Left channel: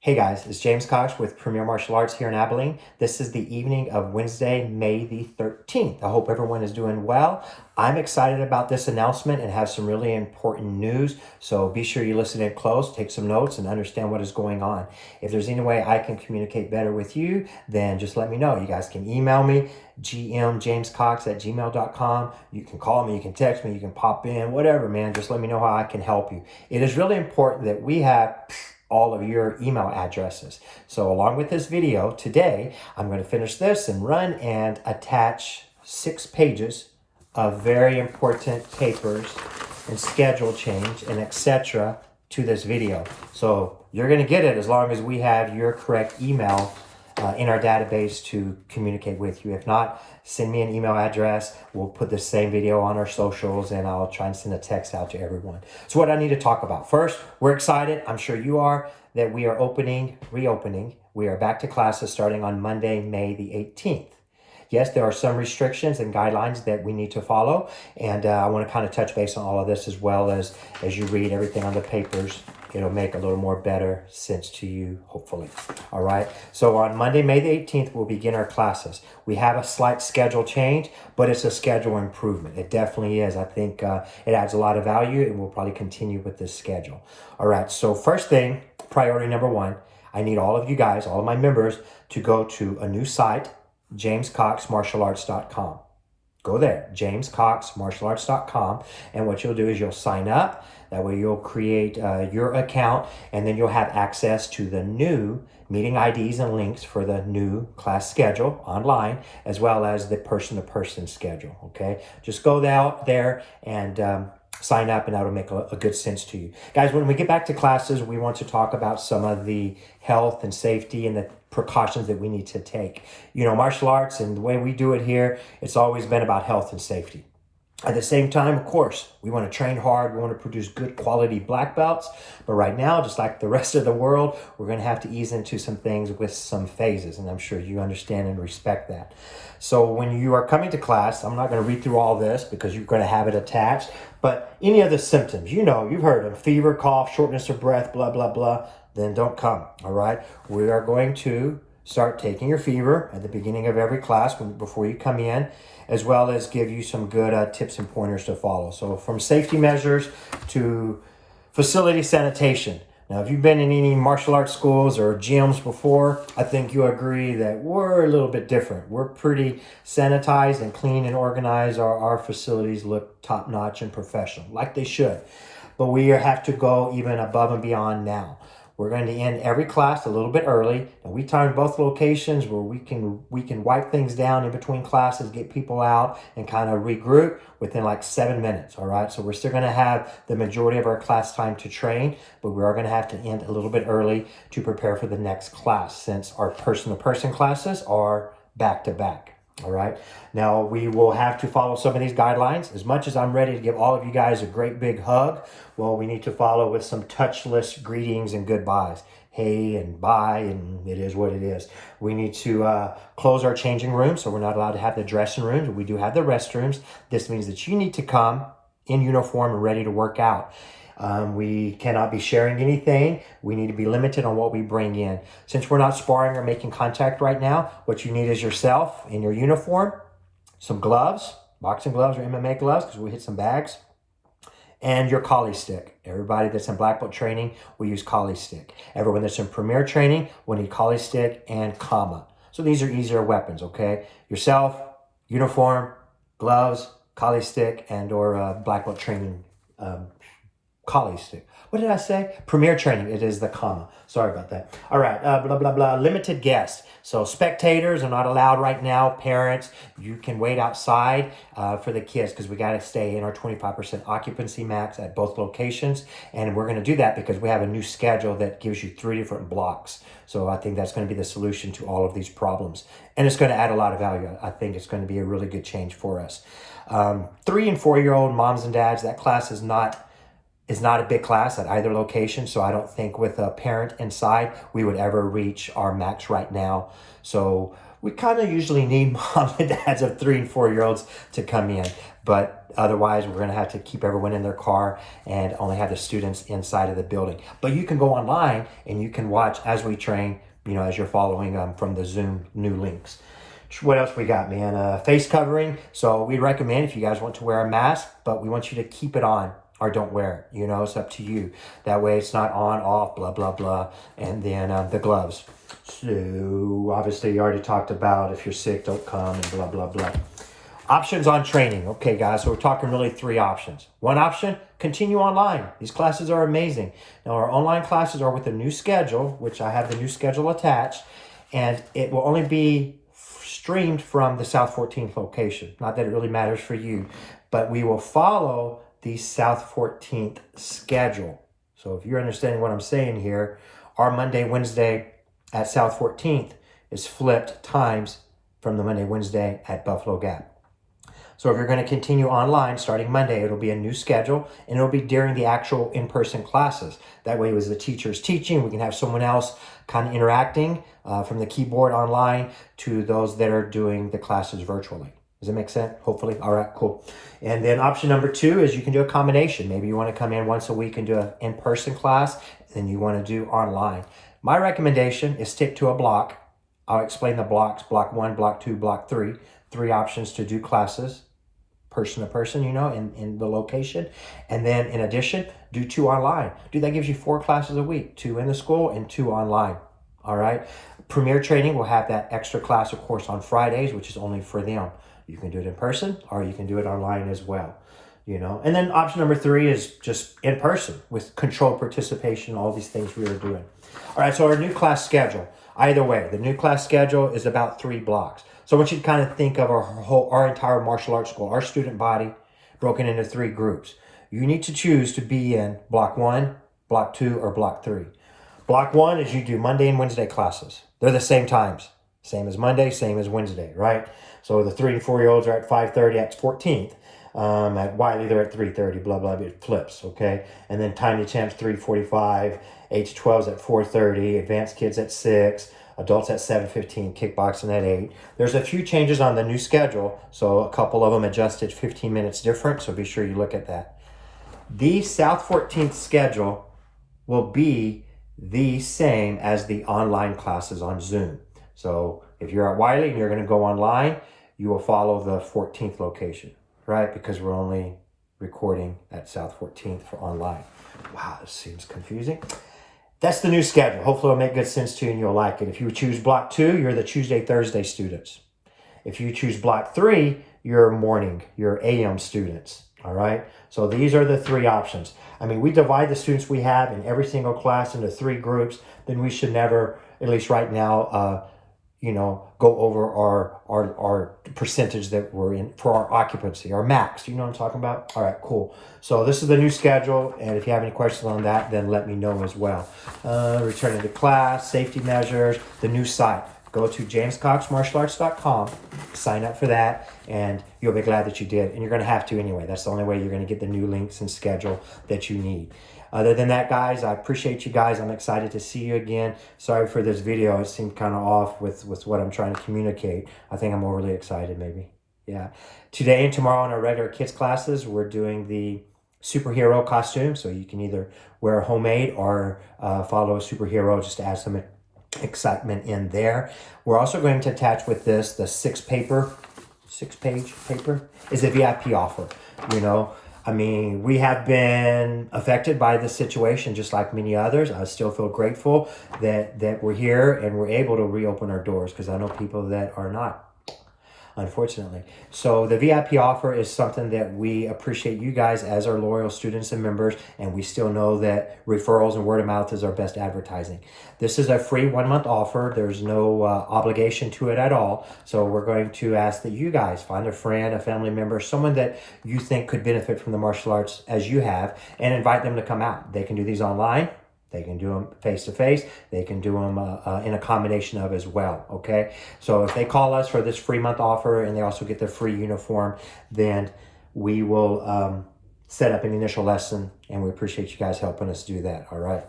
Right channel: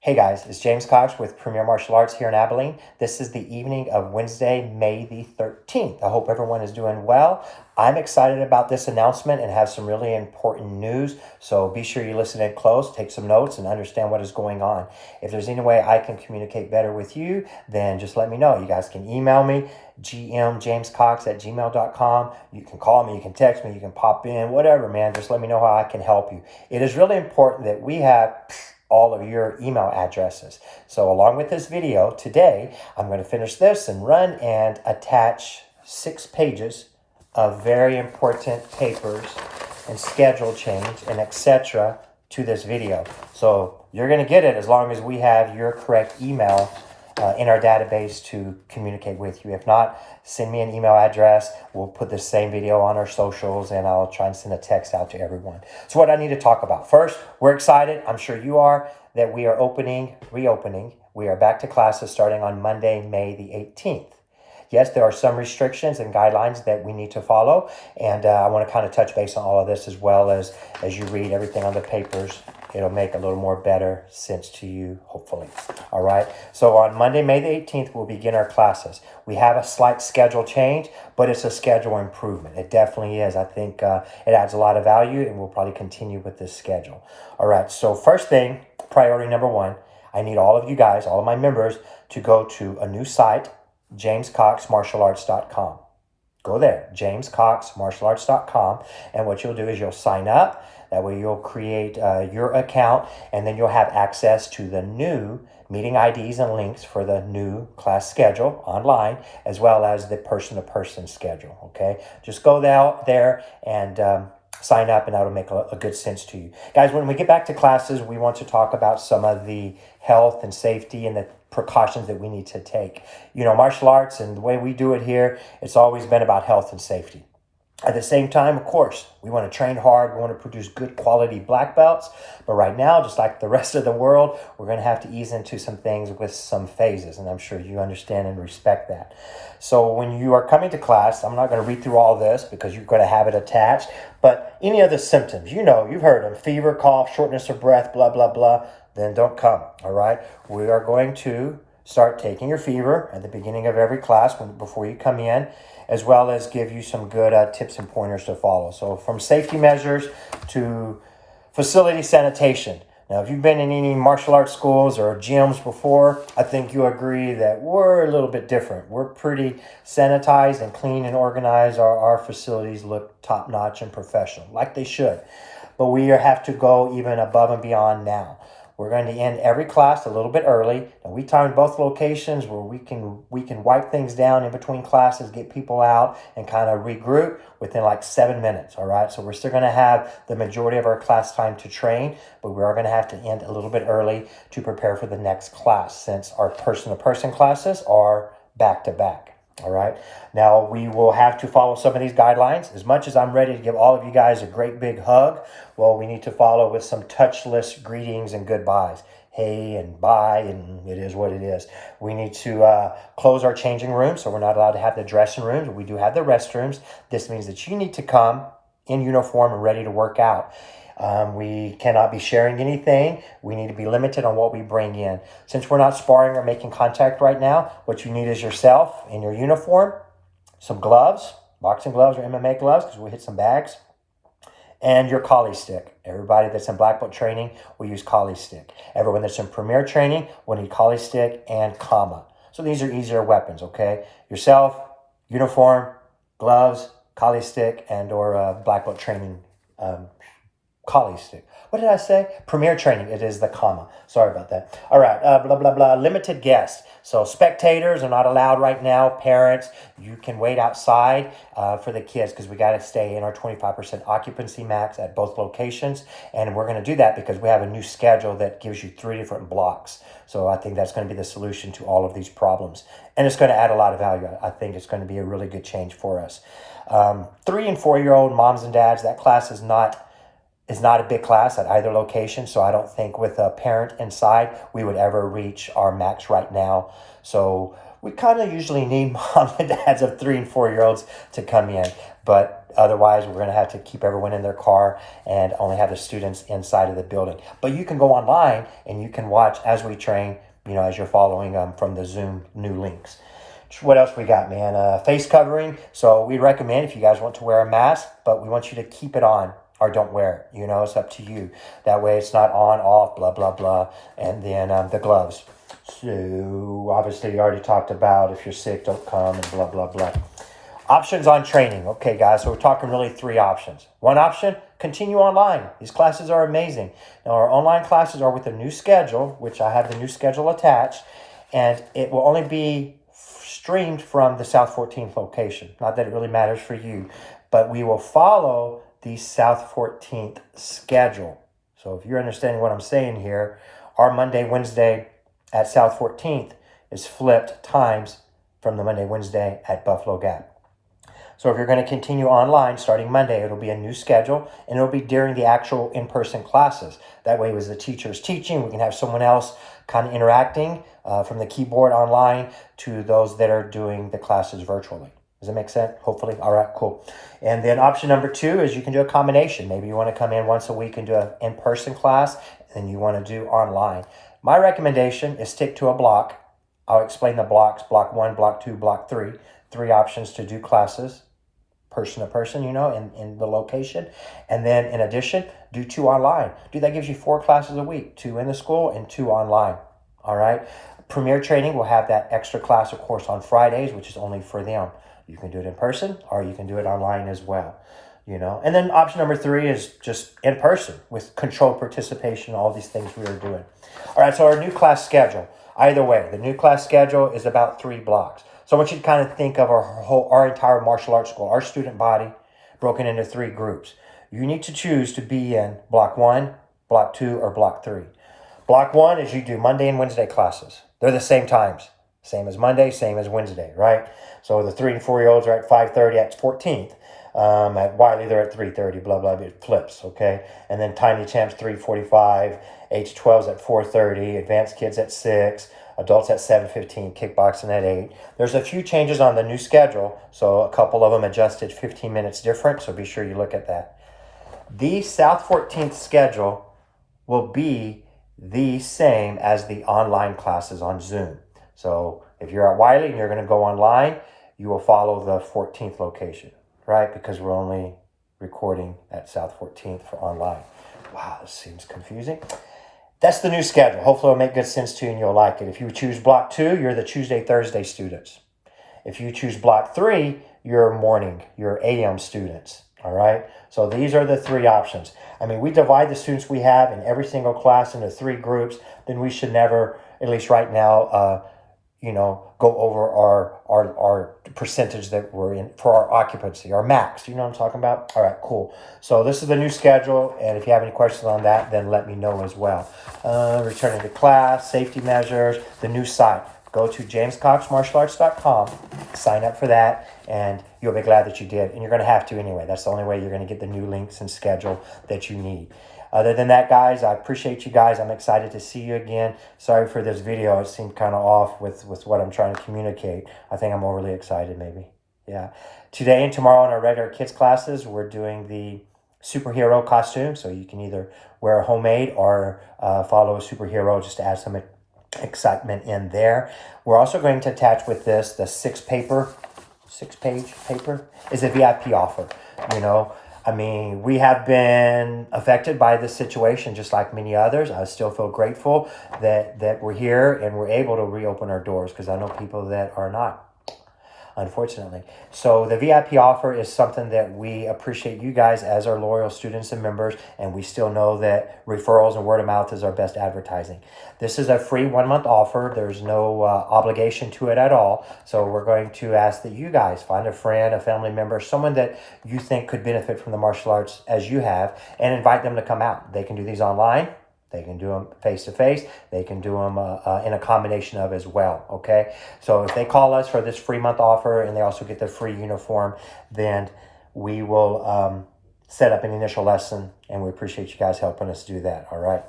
Hey guys, it's James Cox with Premier Martial Arts here in Abilene. This is the evening of Wednesday, May the 13th. I hope everyone is doing well. I'm excited about this announcement and have some really important news. So be sure you listen in close, take some notes, and understand what is going on. If there's any way I can communicate better with you, then just let me know. You guys can email me, gmjamescox@gmail.com. You can call me, you can text me, you can pop in, whatever, man. Just let me know how I can help you. It is really important that we have all of your email addresses. So along with this video today, I'm going to finish this and run and attach 6 pages of very important papers and schedule change and etc. to this video. So you're going to get it as long as we have your correct email in our database to communicate with you. If not, send me an email address. We'll put the same video on our socials and I'll try and send a text out to everyone. So what I need to talk about. First, we're excited, I'm sure you are, that we are reopening. We are back to classes starting on Monday, May the 18th. Yes, there are some restrictions and guidelines that we need to follow. And I want to kind of touch base on all of this as well as you read everything on the papers. It'll make a little more better sense to you, hopefully. All right. So on Monday, May the 18th, we'll begin our classes. We have a slight schedule change, but it's a schedule improvement. It definitely is. I think it adds a lot of value, and we'll probably continue with this schedule. All right. So first thing, priority number 1, I need all of you guys, all of my members, to go to a new site, jamescoxmartialarts.com. Go there, jamescoxmartialarts.com, and what you'll do is you'll sign up. That way you'll create your account, and then you'll have access to the new meeting IDs and links for the new class schedule online, as well as the person-to-person schedule, okay? Just go out there and sign up, and that'll make a good sense to you. Guys, when we get back to classes, we want to talk about some of the health and safety and the precautions that we need to take. You know, martial arts and the way we do it here, it's always been about health and safety. At the same time, of course, we want to train hard. We want to produce good quality black belts. But right now, just like the rest of the world, we're going to have to ease into some things with some phases. And I'm sure you understand and respect that. So when you are coming to class, I'm not going to read through all this because you're going to have it attached. But any of the symptoms, you know, you've heard them: fever, cough, shortness of breath, blah, blah, blah, then don't come. All right. We are going to start taking your fever at the beginning of every class before you come in, as well as give you some good tips and pointers to follow. So from safety measures to facility sanitation. Now, if you've been in any martial arts schools or gyms before, I think you agree that we're a little bit different. We're pretty sanitized and clean and organized. Our facilities look top-notch and professional, like they should. But we have to go even above and beyond now. We're going to end every class a little bit early. And we timed both locations where we can wipe things down in between classes, get people out, and kind of regroup within like 7 minutes. All right. So we're still going to have the majority of our class time to train, but we are going to have to end a little bit early to prepare for the next class, since our person-to-person classes are back-to-back. All right. Now, we will have to follow some of these guidelines. As much as I'm ready to give all of you guys a great big hug, well, we need to follow with some touchless greetings and goodbyes. Hey and bye, and it is what it is. We need to close our changing rooms, so we're not allowed to have the dressing rooms. We do have the restrooms. This means that you need to come in uniform and ready to work out. We cannot be sharing anything. We need to be limited on what we bring in. Since we're not sparring or making contact right now, what you need is yourself in your uniform, some gloves, boxing gloves or MMA gloves, because we hit some bags, and your collie stick. Everybody that's in black belt training will use collie stick. Everyone that's in premier training will need collie stick and comma. So these are easier weapons, okay? Yourself, uniform, gloves, collie stick, and or black belt training collie stick. What did I say? Premier training. It is the comma. Sorry about that. All right. Blah, blah, blah. Limited guests. So spectators are not allowed right now. Parents, you can wait outside for the kids because we got to stay in our 25% occupancy max at both locations. And we're going to do that because we have a new schedule that gives you 3 different blocks. So I think that's going to be the solution to all of these problems. And it's going to add a lot of value. I think it's going to be a really good change for us. 3 and 4-year-old moms and dads, that class is not a big class at either location, so I don't think with a parent inside we would ever reach our max right now. So we kind of usually need mom and dads of 3 and 4-year-olds to come in. But otherwise we're going to have to keep everyone in their car and only have the students inside of the building. But you can go online and you can watch as we train, as you're following from the Zoom new links. What else we got, man? Face covering. So we recommend if you guys want to wear a mask, but we want you to keep it on or don't wear it. It's up to you. That way it's not on, off, blah, blah, blah. And then the gloves. So obviously you already talked about if you're sick, don't come and blah, blah, blah. Options on training. Okay, guys, so we're talking really 3 options. One option, continue online. These classes are amazing. Now, our online classes are with a new schedule, which I have the new schedule attached, and it will only be streamed from the South 14th location. Not that it really matters for you, but we will follow the South 14th schedule. So if you're understanding what I'm saying here, our Monday, Wednesday at South 14th is flipped times from the Monday, Wednesday at Buffalo Gap. So if you're going to continue online starting Monday, it'll be a new schedule, and it'll be during the actual in-person classes. That way, as the teacher's teaching, we can have someone else kind of interacting from the keyboard online to those that are doing the classes virtually. Does that make sense? Hopefully. All right, cool. And then option number 2 is you can do a combination. Maybe you want to come in once a week and do an in-person class, and you want to do online. My recommendation is stick to a block. I'll explain the blocks, block 1, block 2, block 3. 3 options to do classes, person to person, in the location. And then in addition, do 2 online. That gives you 4 classes a week, 2 in the school and 2 online. All right. Premier Training will have that extra class, of course, on Fridays, which is only for them. You can do it in person or you can do it online as well. And then option number 3 is just in person with controlled participation, all these things we are doing. All right. So our new class schedule, either way, the new class schedule is about 3 blocks. So I want you to kind of think of our entire martial arts school, our student body broken into 3 groups. You need to choose to be in block 1, block 2, or block 3. Block 1 is you do Monday and Wednesday classes. They're the same times. Same as Monday, same as Wednesday, right? So the 3 and 4-year-olds are at 5:30 at 14th. At Wiley, they're at 3:30, blah, blah, it flips, okay? And then Tiny Champs, 3:45. H12s at 4:30. Advanced Kids at 6. Adults at 7:15, kickboxing at 8. There's a few changes on the new schedule, so a couple of them adjusted 15 minutes different, so be sure you look at that. The South 14th schedule will be the same as the online classes on Zoom. So if you're at Wiley and you're going to go online, you will follow the 14th location, right? Because we're only recording at South 14th for online. Wow, this seems confusing. That's the new schedule. Hopefully it'll make good sense to you and you'll like it. If you choose block 2, you're the Tuesday, Thursday students. If you choose block 3, you're morning, you're AM students. All right. So these are the 3 options. We divide the students we have in every single class into 3 groups. Then we should never, at least right now, go over our percentage that we're in for our occupancy, our max. You know what I'm talking about? All right, cool. So this is the new schedule, and if you have any questions on that, then let me know as well. Returning to class, safety measures, the new site. Go to jamescoxmartialarts.com, sign up for that, and you'll be glad that you did. And you're going to have to anyway. That's the only way you're going to get the new links and schedule that you need. Other than that, guys, I appreciate you guys. I'm excited to see you again. Sorry for this video. It seemed kind of off with what I'm trying to communicate. I think I'm overly excited, maybe. Yeah. Today and tomorrow in our regular kids classes, we're doing the superhero costume. So you can either wear a homemade or follow a superhero just to add some excitement in there. We're also going to attach with this the 6-page paper is a VIP offer. We have been affected by this situation just like many others. I still feel grateful that we're here and we're able to reopen our doors because I know people that are not, unfortunately. So the VIP offer is something that we appreciate you guys as our loyal students and members, and we still know that referrals and word of mouth is our best advertising. This is a free 1-month offer. There's no obligation to it at all. So we're going to ask that you guys find a friend, a family member, someone that you think could benefit from the martial arts as you have, and invite them to come out. They can do these online. They can do them face-to-face. They can do them in a combination of as well, okay? So if they call us for this free month offer and they also get the free uniform, then we will set up an initial lesson, and we appreciate you guys helping us do that, all right?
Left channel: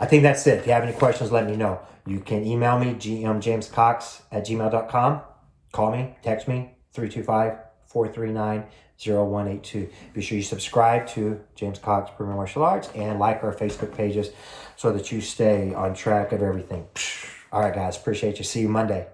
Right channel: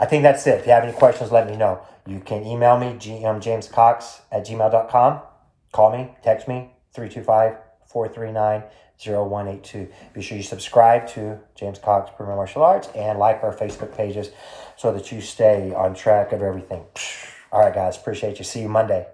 I think that's it. If you have any questions, let me know. You can email me, gmjamescox@gmail.com. Call me, text me, 325-439 0182. Be sure you subscribe to James Cox Premier Martial Arts and like our Facebook pages so that you stay on track of everything. All right, guys. Appreciate you. See you Monday.